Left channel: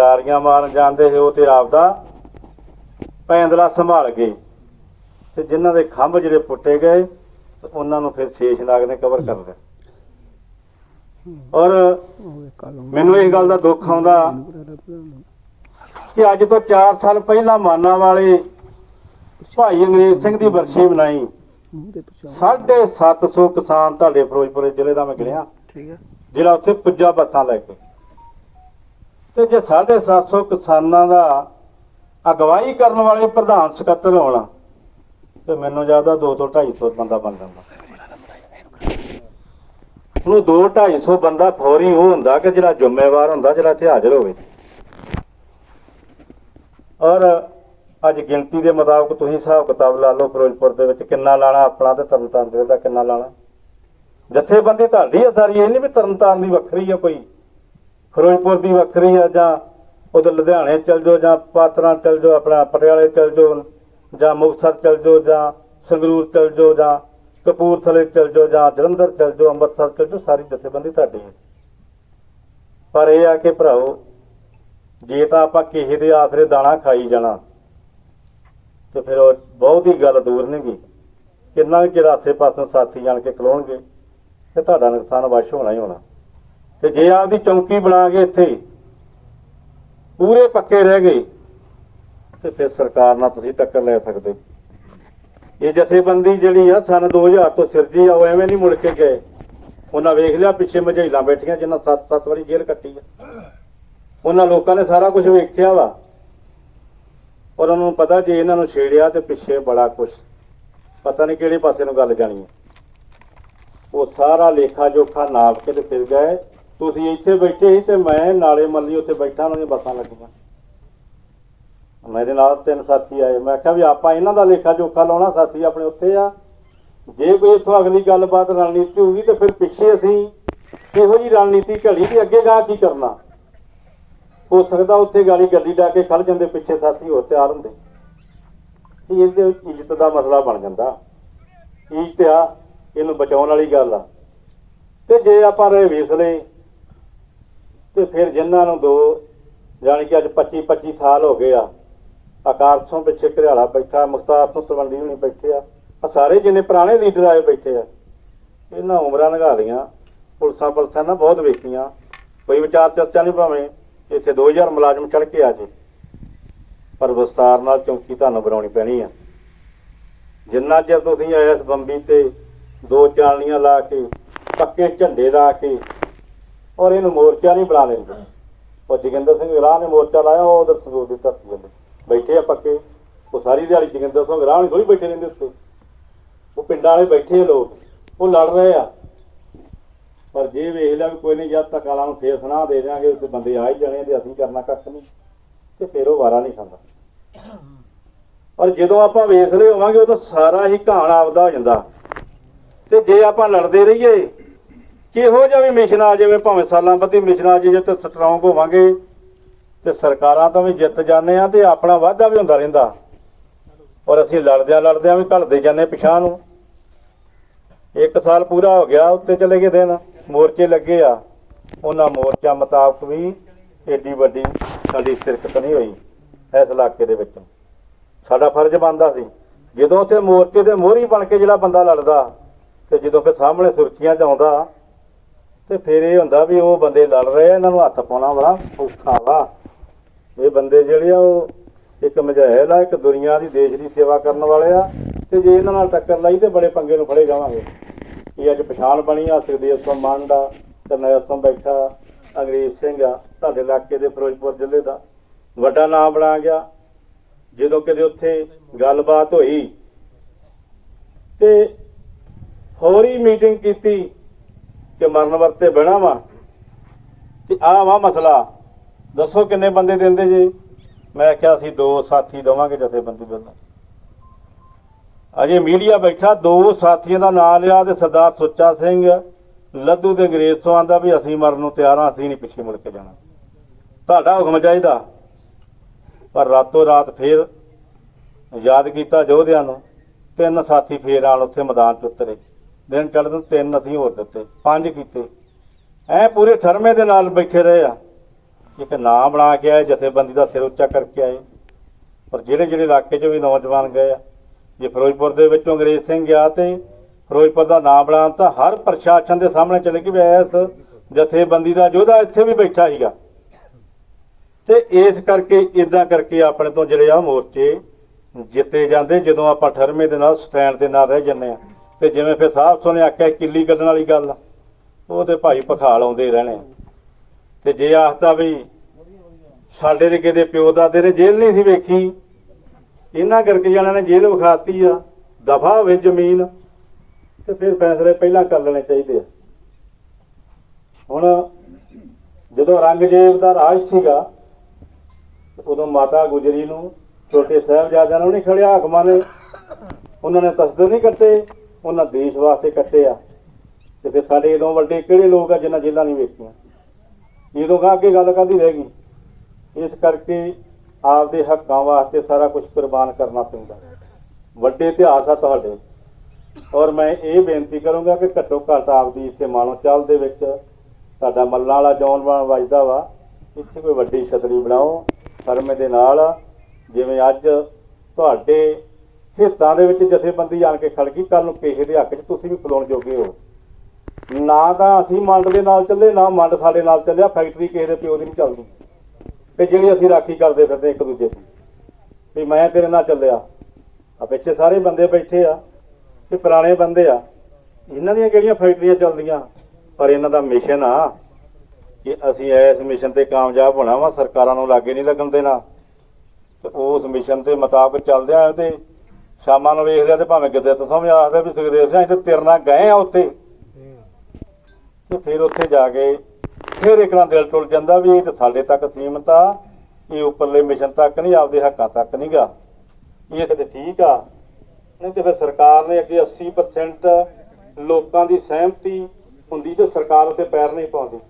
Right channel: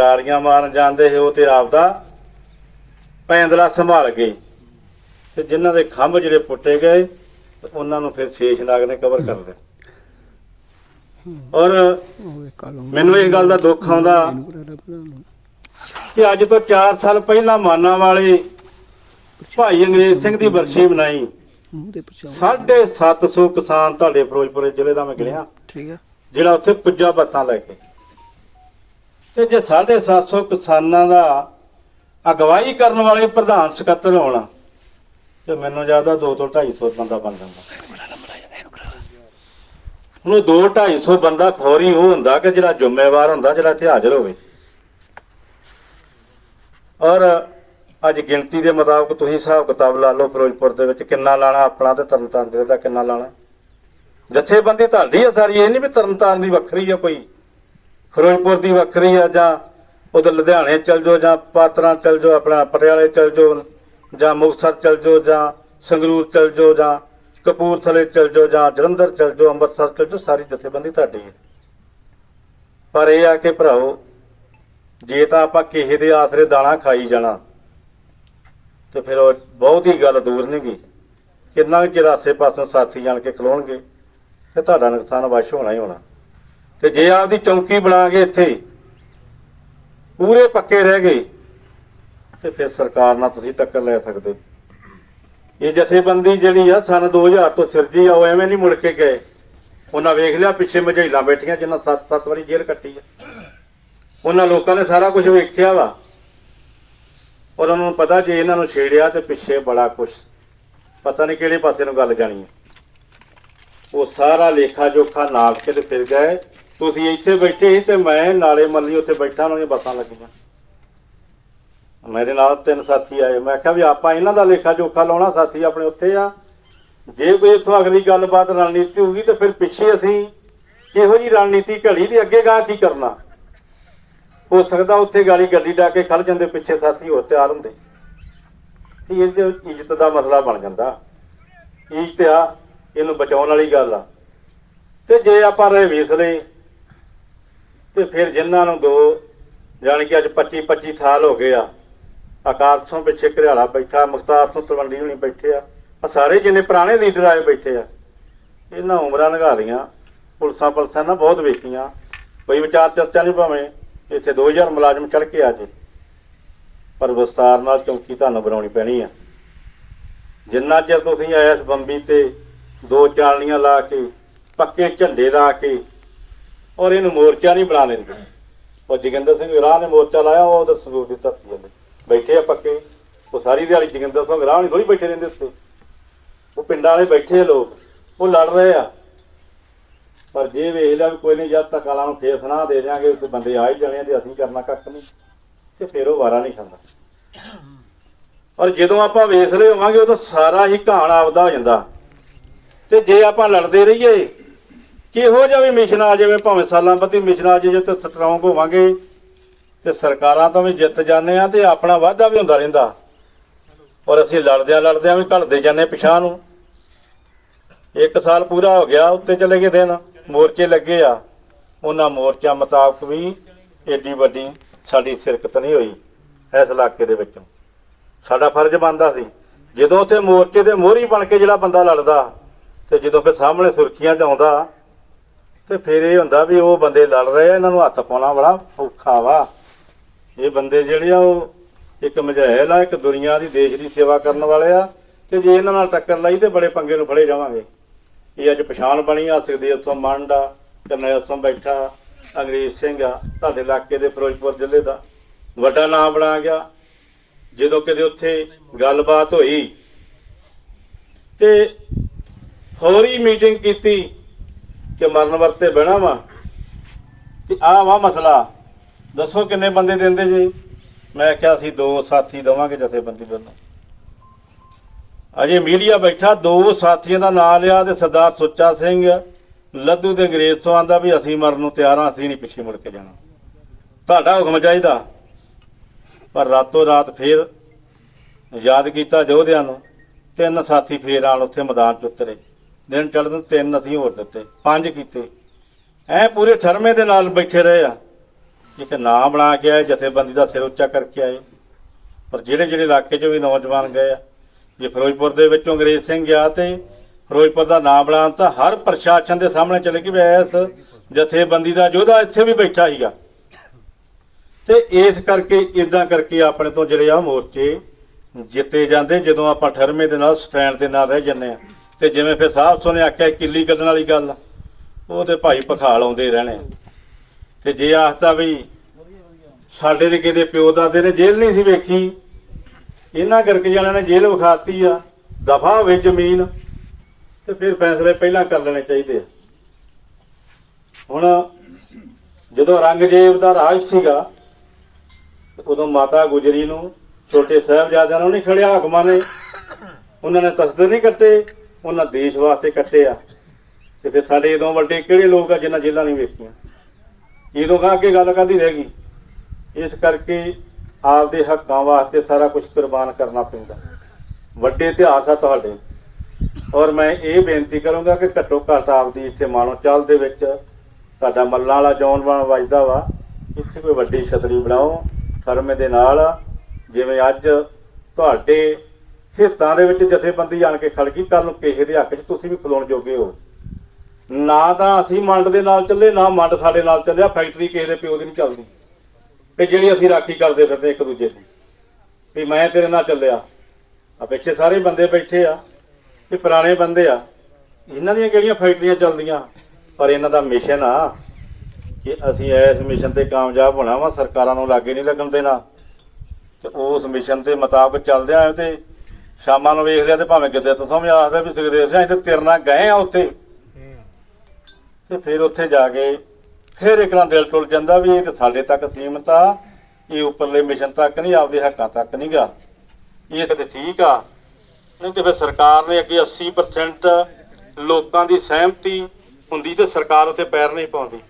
ਗਡਾਰੀਆਂ ਮਾਰਨ ਜਾਂਦੇ ਉਹ ਤੇ ਆਪਦਾ ਪੈਂਦਲਾ ਸੰਭਾਲ ਗਏ। ਤੇ ਜਿਨ੍ਹਾਂ ਦੇ ਖੰਭ ਜਿਹੜੇ ਪੁੱਟੇ ਗਏ ਉਹਨਾਂ ਨੂੰ ਫਿਰ ਸ਼ੇਸ਼ਨਾਗ ਨੇ ਕਵਰ ਕਰ ਲਿਆ ਔਰ ਮੈਨੂੰ ਇਸ ਗੱਲ ਦਾ ਦੁੱਖ ਆਉਂਦਾ ਕਿ ਅੱਜ ਤੋਂ 4 ਸਾਲ ਪਹਿਲਾਂ ਮਾਨਾ ਵਾਲੇ ਭਾਈ ਅੰਗਰੇਜ਼ ਸਿੰਘ ਦੀ ਬਰਸ਼ੀ ਬਣਾਈ। 750 ਕਿਸਾਨ ਤੁਹਾਡੇ ਫਿਰੋਜ਼ਪੁਰ ਜ਼ਿਲ੍ਹੇ ਦਾ ਮੈਂ ਹੈ ਜਿਹੜਾ ਉੱਥੇ ਪੁੱਜਾ ਬੱਤਾਂ ਲੈ ਕੇ। ਤੇ ਜੇ 750 ਕਿਸਾਨਾਂ ਦਾ ਅਗਵਾਈ ਕਰਨ ਵਾਲੇ ਪ੍ਰਧਾਨ ਸਕੱਤਰ ਹੋਣਾ, ਤੇ ਮੈਨੂੰ ਜ਼ਿਆਦਾ 2 ਤੋਂ 250 ਬੰਦਾ ਬਣ ਜਾਂਦਾ। ਉਹਨੂੰ 2 250 ਬੰਦਾ ਖੋਰੀ ਉਹ ਹੁੰਦਾ ਕਿ ਜਿਹੜਾ ਜ਼ਿੰਮੇਵਾਰ ਹੁੰਦਾ, ਜਿਹੜਾ ਇੱਥੇ ਹਾਜ਼ਰ ਹੋਵੇ। ਔਰ ਅੱਜ ਗਿਣਤੀ ਦੇ ਮੁਤਾਬਕ ਤੁਸੀਂ ਹਿਸਾਬ ਕਿਤਾਬ ਲਾ ਲਓ, ਫਿਰੋਜ਼ਪੁਰ ਦੇ ਵਿੱਚ ਕਿੰਨਾ ਲਾਣਾ ਆਪਣਾ ਤੇ ਤਰਨਤਾਰਨ ਜ਼ਿਲ੍ਹੇ ਦਾ ਕਿੰਨਾ ਲਾਣਾ। ਜਥੇਬੰਦੀ ਤੁਹਾਡੀ ਹੈ ਸਾਰੀ, ਇਹ ਨਹੀਂ ਵੀ ਤਰਨਤਾਰਨ ਦੀ ਵੱਖਰੀ ਆ ਕੋਈ। ਫਿਰੋਜ਼ਪੁਰ ਦੀ ਵੱਖਰੀ ਆ ਜਾਂ ਉਧਰ ਲੁਧਿਆਣੇ ਚਲ ਜਾਓ ਜਾਂ ਪਾਤਰਾਂ ਚਲ ਜਾਓ, ਆਪਣਾ ਪਟਿਆਲੇ ਚਲ ਜਾਓ, ਜਾਂ ਮੁਕਤਸਰ ਚਲ ਜਾਓ, ਜਾਂ ਸੰਗਰੂਰ ਚਲ ਜਾਓ, ਜਾਂ ਕਪੂਰਥਲੇ ਚਲ ਜਾਓ, ਜਾਂ ਜਲੰਧਰ ਚਲ ਜਾਓ, ਅੰਮ੍ਰਿਤਸਰ ਚਲ ਜਾਓ, ਸਾਰੀ ਜਥੇਬੰਦੀ ਤੁਹਾਡੀ ਹੈ। ਪਰ ਇਹ ਆ ਕਿ ਭਰਾਓ ਜੇ ਤਾਂ ਆਪਾਂ ਕਿਸੇ ਦੇ ਆਸਰੇ ਦਾਣਾ ਖਾਈ ਜਾਣਾ, ਤੇ ਫਿਰ ਉਹ ਬਹੁਤ ਹੀ ਗੱਲ ਦੂਰ ਨਹੀਂ ਗਈ। ਕਿੰਨਾ ਕੁ ਚਿਰ ਆਸੇ ਪਾਸੋਂ ਸਾਥੀ ਜਾਣ ਕੇ ਖਲੋਣਗੇ, ਤੇ ਤੁਹਾਡਾ ਨੁਕਸਾਨ ਵਸ਼ ਹੋਣਾ ਹੀ ਹੋਣਾ। ਤੇ ਜੇ ਆਪਦੀ ਚੌਂਕੀ ਬਣਾ ਕੇ ਇੱਥੇ ਪੂਰੇ ਪੱਕੇ ਰਹਿ ਗਏ, ਤੇ ਫਿਰ ਸਰਕਾਰ ਨਾਲ ਤੁਸੀਂ ਟੱਕਰ ਲੈ ਸਕਦੇ ਇਹ ਜਥੇਬੰਦੀ ਜਿਹੜੀ ਆ, ਸਨ 2000 ਤੋਂ ਸਿਰਜੀ ਆ, ਉਹ ਐਵੇਂ ਨਹੀਂ ਮੁੜ ਕੇ ਗਏ। ਉਹਨਾਂ ਵੇਖ ਲਿਆ, ਪਿੱਛੇ ਮਝੈਲਾਂ ਬੈਠੀਆਂ, ਜਿਨ੍ਹਾਂ 7-7 ਵਾਰੀ ਜੇਲ੍ਹ ਕੱਟੀ ਆ। ਉਹਨਾਂ ਲੋਕਾਂ ਨੇ ਸਾਰਾ ਕੁਝ ਵੇਖਿਆ ਵਾ। ਔਰ ਉਹਨਾਂ ਨੂੰ ਪਤਾ ਜੇ ਇਹਨਾਂ ਨੂੰ ਛੇੜਿਆ ਤੇ ਪਿੱਛੇ ਬੜਾ ਕੁਝ ਪਤਾ ਨਹੀਂ ਕਿਹੜੇ ਪਾਸੇ ਨੂੰ ਗੱਲ ਜਾਣੀ ਹੈ ਉਹ ਸਾਰਾ ਲੇਖਾ ਜੋਖਾ ਨਾਪ ਕੇ ਤੇ ਫਿਰ ਗਏ। ਤੁਸੀਂ ਇੱਥੇ ਬੈਠੇ ਸੀ ਤੇ ਮੈਂ ਨਾਲੇ ਮੱਲੀ ਉੱਥੇ ਬੈਠਾ ਉਹਨਾਂ ਦੀਆਂ ਬੱਸਾਂ ਲੱਗੀਆਂ। ਮੇਰੇ ਨਾਲ ਤਿੰਨ ਸਾਥੀ ਆਏ। ਮੈਂ ਕਿਹਾ ਵੀ ਆਪਾਂ ਇਹਨਾਂ ਦਾ ਲੇਖਾ ਜੋਖਾ ਲਾਉਣਾ, ਸਾਥੀ ਆਪਣੇ ਉੱਥੇ ਆ। ਜੇ ਕੋਈ ਇੱਥੋਂ ਅਗਲੀ ਗੱਲਬਾਤ ਰਣਨੀਤੀ ਹੋਊਗੀ ਤੇ ਫਿਰ ਪਿੱਛੇ ਅਸੀਂ ਕਿਹੋ ਜੀ ਰਣਨੀਤੀ ਘੜੀ ਦੀ ਅੱਗੇ ਗਾਂ ਕੀ ਕਰਨਾ? ਹੋ ਸਕਦਾ ਉੱਥੇ ਗਾਲੀ ਗੱਡੀ ਡਾ ਕੇ ਖੜ ਜਾਂਦੇ, ਪਿੱਛੇ ਸਾਥੀ ਹੋਰ ਤਿਆਰ ਹੁੰਦੇ। ਇਹ ਤੇ ਇੱਜ਼ਤ ਦਾ ਮਸਲਾ ਬਣ ਜਾਂਦਾ। ਇੱਜ਼ਤ ਆ, ਇਹਨੂੰ ਬਚਾਉਣ ਵਾਲੀ ਗੱਲ ਆ। ਤੇ ਜੇ ਆਪਾਂ ਰਹੇ ਵਿਸਲੇ ਤੇ ਫਿਰ ਜਿਨ੍ਹਾਂ ਨੂੰ ਦੋ, ਜਾਣ ਕਿ ਅੱਜ 25 25 ਸਾਲ ਹੋ ਗਏ ਆ ਆਕਾਸ਼ ਤੋਂ ਪਿੱਛੇ ਘਰਿਆਲਾ ਬੈਠਾ, ਮੁਖਤਾਰ ਤੋਂ ਤਲਵੰਡੀ ਹੁਣੀ ਬੈਠੇ ਆ ਆ ਸਾਰੇ ਜਿੰਨੇ ਪੁਰਾਣੇ ਲੀਡਰ ਆਏ ਬੈਠੇ ਆ, ਇਹਨਾਂ ਉਮਰਾਂ ਲੰਘਾ ਲੀਆਂ ਪੁਲਸਾਂ ਪੁਲਸਾਂ ਨਾ ਬਹੁਤ ਵੇਖੀਆਂ, ਕੋਈ ਵਿਚਾਰ ਚਰਚਾ ਨਹੀਂ ਭਾਵੇਂ ਇੱਥੇ 2000 ਮੁਲਾਜ਼ਮ ਚੜ ਕੇ ਆ ਜੇ, ਪਰ ਵਿਸਤਾਰ ਨਾਲ ਚੌਂਕੀ ਤੁਹਾਨੂੰ ਬਣਾਉਣੀ ਪੈਣੀ ਆ। ਜਿੰਨਾ ਚਿਰ ਤੁਸੀਂ ਆਇਆ ਬੰਬੀ ਤੇ ਦੋ ਚਾਲਣੀਆਂ ਲਾ ਕੇ, ਪੱਕੇ ਝੰਡੇ ਲਾ ਕੇ ਔਰ ਇਹਨੂੰ ਮੋਰਚਾ ਨਹੀਂ ਬਣਾ ਲੈਂਦੇ। ਉਹ ਜੋਗਿੰਦਰ ਸਿੰਘ ਰਾਹ ਨੇ ਮੋਰਚਾ ਲਾਇਆ, ਉਹ ਉਹਦੇ ਸੰਗਰੂਰ ਦੀ ਧਰਤੀ ਜਾਂਦੇ ਬੈਠੇ ਆ ਪੱਕੇ। ਉਹ ਸਾਰੀ ਦਿਹਾੜੀ ਜੋਗਿੰਦਰ ਸਿੰਘ ਰਾਹ ਨਹੀਂ ਥੋੜੀ ਬੈਠੇ ਰਹਿੰਦੇ ਉੱਤੇ ਉਹ ਪਿੰਡਾਂ ਵਾਲੇ ਬੈਠੇ ਆ ਲੋਕ। ਉਹ ਲੜ ਰਹੇ ਆ। ਪਰ ਜੇ ਵੇਖ ਲਿਆ ਵੀ ਕੋਈ ਨਹੀਂ, ਜਦ ਤੱਕ ਆਲਾਂ ਨੂੰ ਫੇਰ ਸੁਣਾ ਦੇ ਦਿਆਂਗੇ ਉਸ ਬੰਦੇ ਆ ਹੀ ਜਾਣੇ ਆ ਤੇ ਅਸੀਂ ਕਰਨਾ ਕੱਖ ਨਹੀਂ। ਤੇ ਫਿਰ ਉਹ ਵਾਰਾ ਨਹੀਂ ਖਾਂਦਾ। ਔਰ ਜਦੋਂ ਆਪਾਂ ਵੇਖ ਰਹੇ ਹੋਵਾਂਗੇ, ਉਦੋਂ ਸਾਰਾ ਹੀ ਕਹਾਣ ਆਪਦਾ ਹੋ ਜਾਂਦਾ। ਤੇ ਜੇ ਆਪਾਂ ਲੜਦੇ ਰਹੀਏ ਕਿਹੋ ਜਿਹਾ ਵੀ ਮਿਸ਼ਨ ਆ ਜਾਵੇ ਭਾਵੇਂ ਸਾਲਾਂ ਬੱਧੀ ਮਿਸ਼ਨ ਆ, ਜਾਵੇ ਤੇ ਸਟਰੋਂਗ ਹੋਵਾਂਗੇ ਤੇ ਸਰਕਾਰਾਂ ਤੋਂ ਵੀ ਜਿੱਤ ਜਾਂਦੇ ਆ ਤੇ ਆਪਣਾ ਵਾਧਾ ਵੀ ਹੁੰਦਾ ਰਹਿੰਦਾ। ਔਰ ਅਸੀਂ ਲੜਦਿਆਂ ਲੜਦਿਆਂ ਵੀ ਘਲਦੇ ਜਾਂਦੇ ਪਿਛਾਂ ਨੂੰ। ਇੱਕ ਸਾਲ ਪੂਰਾ ਹੋ ਗਿਆ, ਉੱਤੇ ਚਲੇ ਗਏ ਦਿਨ, ਮੋਰਚੇ ਲੱਗੇ ਆ। ਉਹਨਾਂ ਮੋਰਚਾ ਮੁਤਾਬਕ ਵੀ ਏਡੀ ਵੱਡੀ ਸਾਡੀ ਸ਼ਿਰਕਤ ਨਹੀਂ ਹੋਈ, ਇਸ ਇਲਾਕੇ ਦੇ ਵਿੱਚ। ਸਾਡਾ ਫਰਜ਼ ਬਣਦਾ ਸੀ, ਜਦੋਂ ਉੱਥੇ ਮੋਰਚੇ ਦੇ ਮੋਹਰੀ ਬਣ ਕੇ ਜਿਹੜਾ ਬੰਦਾ ਲੜਦਾ, ਤੇ ਜਦੋਂ ਫਿਰ ਸਾਹਮਣੇ ਸੁਰਖੀਆਂ 'ਚ ਆਉਂਦਾ ਤੇ ਫਿਰ ਇਹ ਹੁੰਦਾ ਵੀ ਉਹ ਬੰਦੇ ਲੜ ਰਹੇ ਆ, ਇਹਨਾਂ ਨੂੰ ਹੱਥ ਪਾਉਣਾ ਬੜਾ ਔਖਾ ਵਾ। ਇਹ ਬੰਦੇ ਜਿਹੜੇ ਆ, ਉਹ ਇੱਕ ਮਝੈਲ ਆ, ਇੱਕ ਦੁਨੀਆ ਦੀ, ਦੇਸ਼ ਦੀ ਸੇਵਾ ਕਰਨ ਵਾਲੇ ਆ। ਤੇ ਜੇ ਇਹਨਾਂ ਨਾਲ ਟੱਕਰ ਲਾਈ ਤੇ ਬੜੇ ਪੰਗੇ ਨੂੰ ਫੜੇ ਜਾਵਾਂਗੇ। ਇਹ ਅੱਜ ਪਛਾਣ ਬਣੀ ਆ, ਸੁਖਦੇਵ ਮੰਡ ਆ ਕਰਨੈਲ ਸਿੰਘ ਬੈਠਾ, ਅੰਗਰੇਜ਼ ਸਿੰਘ ਆ, ਤੁਹਾਡੇ ਇਲਾਕੇ ਦੇ ਫਿਰੋਜ਼ਪੁਰ ਜ਼ਿਲ੍ਹੇ ਦਾ। ਵੱਡਾ ਨਾਮ ਬਣਾ ਗਿਆ। ਜਦੋਂ ਕਿਤੇ ਉੱਥੇ ਗੱਲਬਾਤ ਹੋਈ ਤੇ ਹੋਰੀ ਮੀਟਿੰਗ ਕੀਤੀ। ਕਿ ਮਰਨ ਵਰਤੇ ਬਹਿਣਾ ਵਾ ਤੇ ਆਹ ਵਾ ਮਸਲਾ। ਦੱਸੋ ਕਿੰਨੇ ਬੰਦੇ ਦਿੰਦੇ ਜੀ? ਮੈਂ ਕਿਹਾ ਅਸੀਂ ਦੋ ਸਾਥੀ ਦਵਾਂਗੇ ਜਥੇਬੰਦੀ ਵੱਲੋਂ ਅਜੇ ਮੀਡੀਆ ਬੈਠਾ, ਦੋ ਸਾਥੀਆਂ ਦਾ ਨਾਮ ਲਿਆ ਤੇ ਸਰਦਾਰ ਸੁੱਚਾ ਸਿੰਘ ਲੱਦੂ ਦੇ ਅੰਗਰੇਜ਼ ਤੋਂ ਆਂਦਾ ਵੀ ਅਸੀਂ ਮਰਨ ਨੂੰ ਤਿਆਰ ਹਾਂ ਅਸੀਂ ਨਹੀਂ ਪਿੱਛੇ ਮੁੜ ਕੇ ਜਾਣਾ। ਤੁਹਾਡਾ ਹੁਕਮ ਚਾਹੀਦਾ। ਪਰ ਰਾਤੋਂ ਰਾਤ ਫੇਰ ਯਾਦ ਕੀਤਾ ਯੋਧਿਆਂ ਨੂੰ, ਤਿੰਨ ਸਾਥੀ ਫੇਰ ਆਣ ਉੱਥੇ ਮੈਦਾਨ 'ਚ ਉਤਰੇ। ਦਿਨ ਚੜ੍ਹਨ ਨੂੰ ਤਿੰਨ ਅਸੀਂ ਹੋਰ ਦਿੱਤੇ, ਪੰਜ ਕੀਤੇ। ਐ ਪੂਰੇ ਠਰਮੇ ਦੇ ਨਾਲ ਬੈਠੇ ਰਹੇ ਆ। ਇੱਕ ਨਾਂ ਬਣਾ ਕੇ ਆਏ, ਜਥੇਬੰਦੀ ਦਾ ਸਿਰ ਉੱਚਾ ਕਰਕੇ ਆਏ। ਪਰ ਜਿਹੜੇ ਜਿਹੜੇ ਇਲਾਕੇ 'ਚ ਵੀ ਨੌਜਵਾਨ ਗਏ ਆ, ਜੇ ਫਿਰੋਜ਼ਪੁਰ ਦੇ ਵਿੱਚੋਂ ਅੰਗਰੇਜ਼ ਸਿੰਘ ਗਿਆ ਤੇ ਫਿਰੋਜ਼ਪੁਰ ਦਾ ਨਾਂ ਬਣਾਉਣ ਤਾਂ ਹਰ ਪ੍ਰਸ਼ਾਸਨ ਦੇ ਸਾਹਮਣੇ ਚਲੇ ਕਿ ਇਸ ਜਥੇਬੰਦੀ ਦਾ ਯੋਧਾ ਇੱਥੇ ਵੀ ਬੈਠਾ ਸੀਗਾ। ਤੇ ਇਸ ਕਰਕੇ ਇਦਾਂ ਕਰਕੇ ਆਪਣੇ ਤੋਂ ਜਿਹੜੇ ਆ ਮੋਰਚੇ ਜਿੱਤੇ ਜਾਂਦੇ, ਜਦੋਂ ਆਪਾਂ ਠਰਮੇ ਦੇ ਨਾਲ, ਸਟੈਂਡ ਦੇ ਨਾਲ ਰਹਿ ਜੰਨੇ ਆ। ਤੇ ਜਿਵੇਂ ਫਿਰ ਸਾਹਿਬ ਸੋਨੇ ਆਖਿਆ ਕਿੱਲੀ ਗੱਲਣ ਵਾਲੀ ਗੱਲ ਉਹ ਤੇ ਭਾਈ ਪਖਾਲ ਆਉਂਦੇ ਰਹਿਣੇ। ਤੇ ਜੇ ਆਖਦਾ ਵੀ ਸਾਡੇ ਦੇ ਕਿਤੇ ਪਿਓ ਦਾਦੇ ਨੇ ਜੇਲ੍ਹ ਨਹੀਂ ਸੀ ਵੇਖੀ, ਇਹਨਾਂ ਕਰਕੇ ਜਣਾਂ ਨੇ ਜੇਲ੍ਹ ਵਿਖਾਤੀ ਆ, ਦਫਾ ਹੋਵੇ ਜ਼ਮੀਨ, ਤੇ ਫਿਰ ਫੈਸਲੇ ਪਹਿਲਾਂ ਕਰ ਲੈਣੇ ਚਾਹੀਦੇ ਆ। ਹੁਣ ਜਦੋਂ ਔਰੰਗਜ਼ੇਬ ਦਾ ਰਾਜ ਸੀਗਾ ਉਦੋਂ ਮਾਤਾ ਗੁਜਰੀ ਨੂੰ ਛੋਟੇ ਸਾਹਿਬਜ਼ਾਦਿਆਂ ਨੂੰ ਨਹੀਂ ਖੜਿਆ, ਹਾਕਮਾਂ ਨੇ, ਉਹਨਾਂ ਨੇ ਤਸਦਰ ਨਹੀਂ ਕੱਟੇ ਉਹਨਾਂ ਦੇਸ਼ ਵਾਸਤੇ ਕੱਟੇ ਆ। ਤੇ ਫਿਰ ਸਾਡੇ ਇਦੋਂ ਵੱਡੇ ਕਿਹੜੇ ਲੋਕ ਆ ਜਿਨ੍ਹਾਂ ਜੇਲਾਂ ਨਹੀਂ ਵੇਖੀਆਂ ਇਹਦੋਂ ਕਾ ਅੱਗੇ ਗੱਲ ਕਰਦੀ ਰਹਿ ਗਈ। ਇਸ ਕਰਕੇ ਆਪਦੇ ਹੱਕਾਂ ਵਾਸਤੇ ਸਾਰਾ ਕੁਝ ਕੁਰਬਾਨ ਕਰਨਾ ਪੈਂਦਾ। ਵੱਡੇ ਇਤਿਹਾਸ ਆ ਤੁਹਾਡੇ। ਔਰ ਮੈਂ ਇਹ ਬੇਨਤੀ ਕਰੂੰਗਾ ਕਿ ਘੱਟੋ ਘੱਟ ਆਪਦੀ ਇੱਥੇ ਮਾਨੋ ਚਾਲ ਦੇ ਵਿੱਚ ਤੁਹਾਡਾ ਮੱਲਾਂ ਵਾਲਾ ਜੌਨ ਬਣ ਵੱਜਦਾ ਵਾ। ਇੱਥੇ ਕੋਈ ਵੱਡੀ ਛਤਰੀ ਬਣਾਓ ਧਰਮ ਦੇ ਨਾਲ। ਜਿਵੇਂ ਅੱਜ ਤੁਹਾਡੇ ਹਿੱਤਾਂ ਦੇ ਵਿੱਚ ਜਥੇਬੰਦੀ ਆਣ ਕੇ ਖੜ ਗਈ ਕੱਲ ਨੂੰ ਕਿਸੇ ਦੇ ਹੱਕ 'ਚ ਤੁਸੀਂ ਵੀ ਖਲੋਣ ਜੋਗੇ ਹੋ। ਨਾ ਤਾਂ ਅਸੀਂ ਮੰਡ ਦੇ ਨਾਲ ਚੱਲੇ, ਨਾ ਮੰਡ ਸਾਡੇ ਨਾਲ ਚੱਲਿਆ, ਫੈਕਟਰੀ ਕਿਸੇ ਦੇ ਪਿਓ ਦੀ ਨਹੀਂ ਚੱਲਦੀ। ਤੇ ਜਿਹੜੀ ਅਸੀਂ ਰਾਖੀ ਕਰਦੇ ਫਿਰਦੇ ਇੱਕ ਦੂਜੇ ਦੀ, ਵੀ ਮੈਂ ਤੇਰੇ ਨਾਲ ਚੱਲਿਆ। ਆ ਪਿੱਛੇ ਸਾਰੇ ਬੰਦੇ ਬੈਠੇ ਆ ਇਹ ਪੁਰਾਣੇ ਬੰਦੇ ਆ, ਇਹਨਾਂ ਦੀਆਂ ਕਿਹੜੀਆਂ ਫੈਕਟਰੀਆਂ ਚੱਲਦੀਆਂ? ਪਰ ਇਹਨਾਂ ਦਾ ਮਿਸ਼ਨ ਆ ਕਿ ਅਸੀਂ ਇਸ ਮਿਸ਼ਨ ਤੇ ਕਾਮਯਾਬ ਹੋਣਾ ਵਾ, ਸਰਕਾਰਾਂ ਨੂੰ ਲਾਗੇ ਨਹੀਂ ਲੱਗਣ ਦੇਣਾ। ਤੇ ਉਸ ਮਿਸ਼ਨ ਦੇ ਮੁਤਾਬਕ ਚੱਲਦੇ ਆਂ ਤੇ ਸ਼ਾਮਾਂ ਨੂੰ ਵੇਖ ਲਿਆ ਤੇ ਭਾਵੇਂ ਕਿਤੇ ਤੋਂ ਵੀ ਆਖਦਾ ਵੀ ਸੁਖਦੇਵ ਸਿੰਘ ਤੇ ਤੇਰੇ ਗਏ ਆ ਉੱਥੇ। ਤੇ ਫਿਰ ਉੱਥੇ ਜਾ ਕੇ ਫਿਰ ਇੱਕ ਨਾਲ ਦਿਲ ਟੁੱਟ ਜਾਂਦਾ ਵੀ ਇਹ ਸਾਡੇ ਤੱਕ ਸੀਮਤ ਆ, ਇਹ ਉੱਪਰਲੇ ਮਿਸ਼ਨ ਤੱਕ ਨਹੀਂ, ਆਪਦੇ ਹੱਕਾਂ ਤੱਕ ਨਹੀਂ ਇਹ ਤਾਂ ਠੀਕ ਆ। ਨਹੀਂ ਤੇ ਫਿਰ ਸਰਕਾਰ ਨੇ ਅੱਗੇ 80% ਲੋਕਾਂ ਦੀ ਸਹਿਮਤੀ ਹੁੰਦੀ ਤੇ ਸਰਕਾਰ ਉੱਤੇ ਪੈਰ ਨਹੀਂ ਪਾਉਂਦੀ।